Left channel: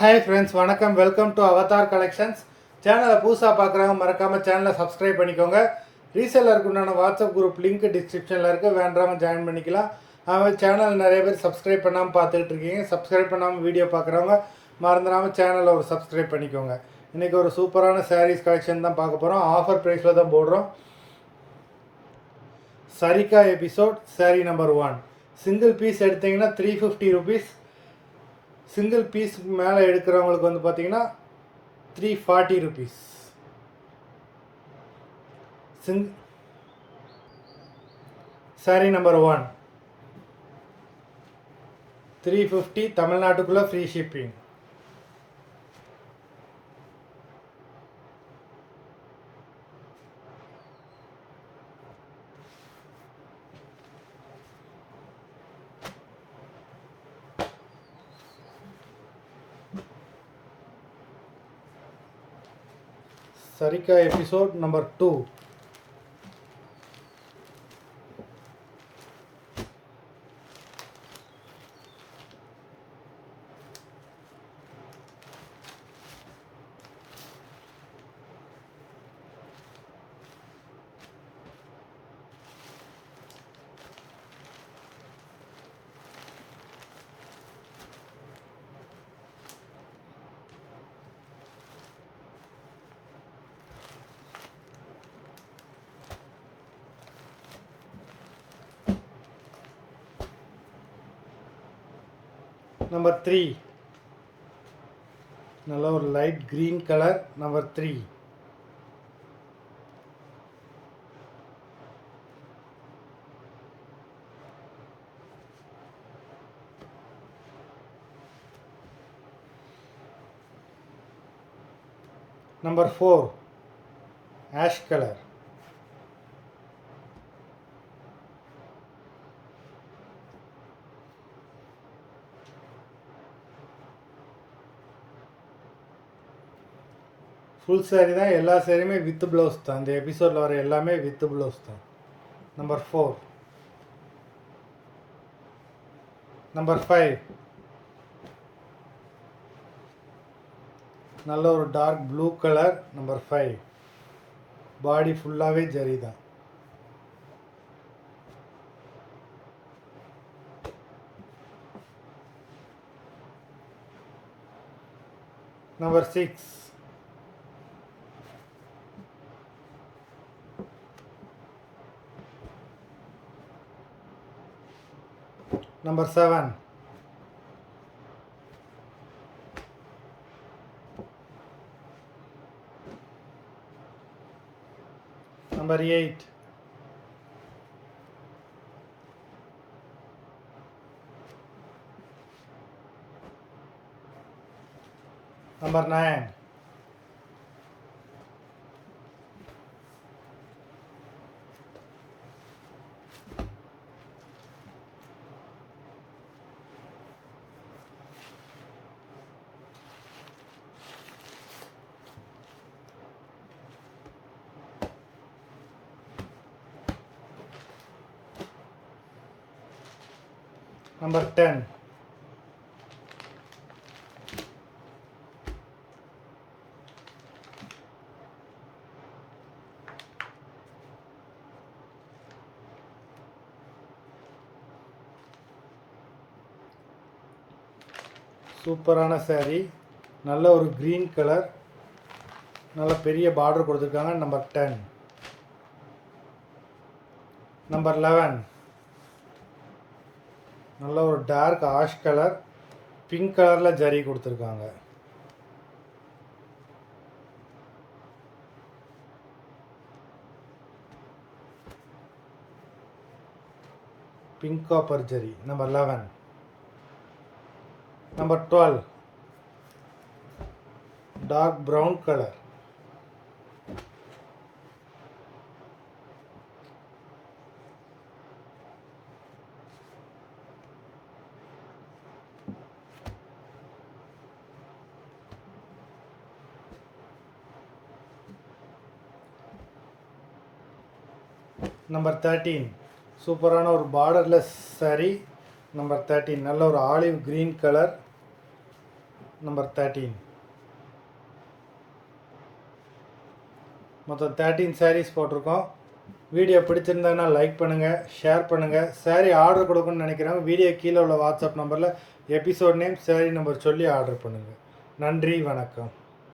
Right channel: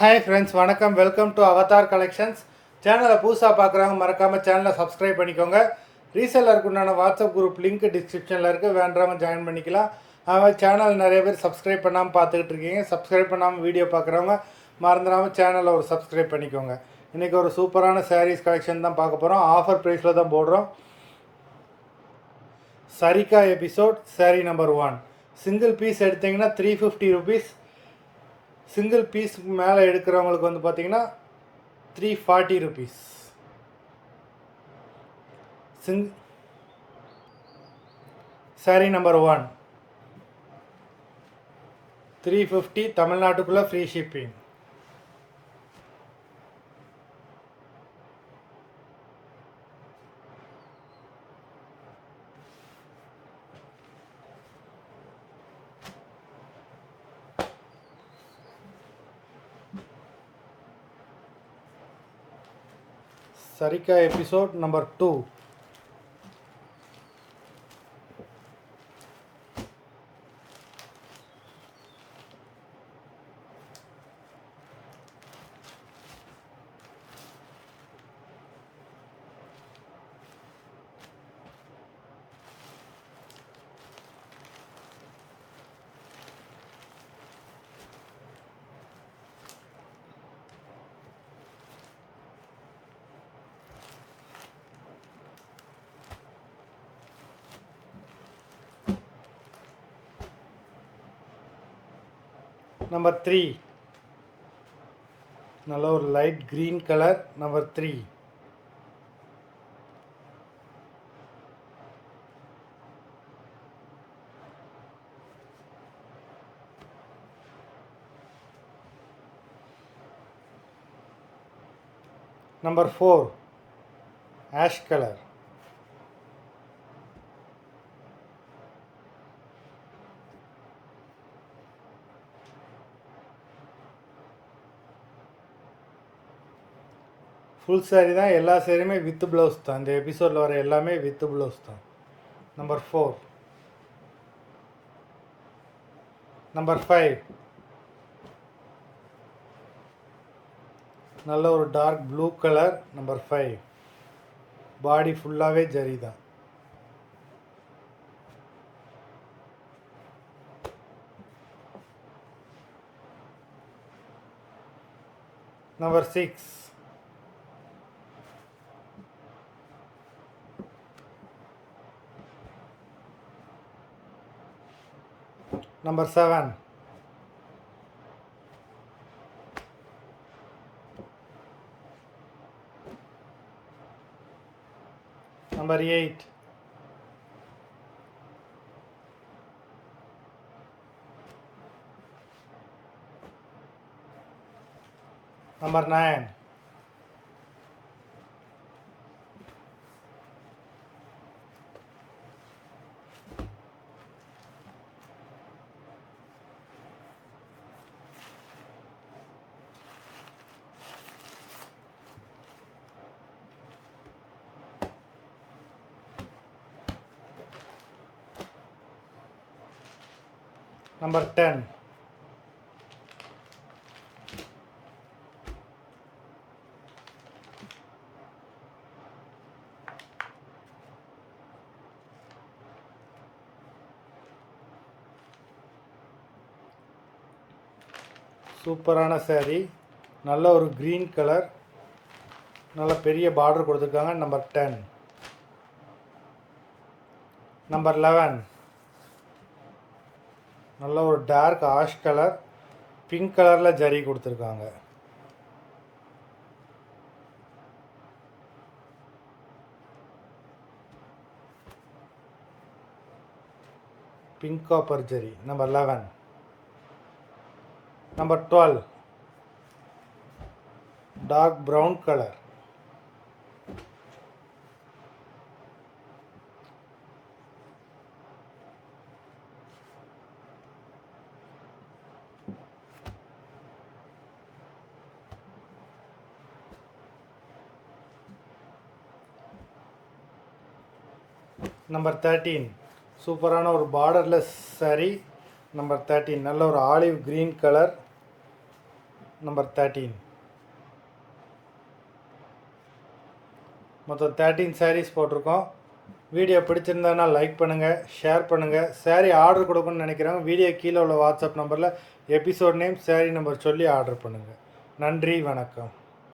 Hi friends, வணக்கம். Welcome to Avatar collections. சேனலை புதுசாக பார்க்குறவங்க மறக்காமல் சேனலை சப்ஸ்கிரைப் பண்ணிக்கோங்க. ரீசெல்லருக்கு உண்டான வாட்ஸ்அப் குரூப் லிங்க் டிஸ்கிரிப்ஷனில் இருக்குது, வேண்டாமல் ஜாயின் பண்ணிக்கலாம். அதுமாதிரி சேனல் நிறைய பேர் சப்ஸ்கிரைப் பண்ணாமல் பார்த்துக்கிட்டு இருக்கீங்க. சப்ஸ்கிரைப் பண்ணாமல் வீடியோ பார்க்குறவங்க மறந்துடாமல் சேனலை ஒரு சப்ஸ்கிரைப் பண்ணிக்கோங்க. இன்றைக்கி ஒரு சூப்பரான சாரீஸ் கலெக்ஷன் தான் பார்க்க போகிறோம். ஆஃபர் ப்ரைஸில் தான் போடுறோம். Sarika episode sari number 1. Single piece எடுத்திங்கன்னா 350 ருபீஸ். சிங்கிள் பீஸுக்கு மேலே எடுக்கிறவங்களுக்கு வந்து பார்த்திங்கன்னா 340 ருபீஸ். சாரீ நம்பர் 1 350, தமிழ்நாட்டுக்குள்ளே ஃப்ரீ ஷிப்பிங். சரிகா எபிசோட் நம்பர் 2. நம்பர் 3 நல்ல ஒரு லைட் க்ரீன் கலர். நம்பர் 3. நம்பர் 4 ஆஷ் கலர். ஃபுல் சாரீ தான். எல்லா சாரியுமே வித் ப்ளவுஸ் தான். இந்த எபிசோடில் வர எல்லாமே வித் ப்ளவுஸ் தான். நம்பர் 4. நம்பர் 5 நல்ல ஒரு டார்க் ப்ளூ கலர். நம்பர் 5 பாடி ஃபுல்லாகவே ஜரி தான். நம்பர் 6 Number 7. Number 8. Number 9. Number 10. சூப்பரான சாரீ. நல்ல ஒரு க்ரீன் கலர், நல்ல பெரிய பார்டர் கொடுத்துருக்காங்க. நம்பர் 10. நம்பர் 11 நல்ல ஒரு டார்க் ஆஷ் கலர், பிங்க் கலரில் ஜரி கொடுத்துருக்காங்க. Pink copper zari. Number 11. Number 12 dark brown colour. Number 13 சூப்பரான ஒரு பார்டர்லெஸ் சாரீ. நம்பர் 13 நல்ல ஒரு ஆலிவ் க்ரீன் கலர். நம்பர் 13. மொத்தம் 13 sarees போட்டிருக்கோம். வீடியோ பிடிச்சிருந்ததுன்னா லைக் பண்ணுங்கள், ஷேர் பண்ணுங்கள். saree ஆர்டர் கொடுக்கணும்னு நினைக்கிறவங்க வீடியோ கீழே உள்ள வாட்ஸ்அப் நம்பரில் எபிசோட் நேம், saree நம்பர் சொல்லி ஆர்டர் பண்ணுங்கள். நன்றி, வணக்கம்.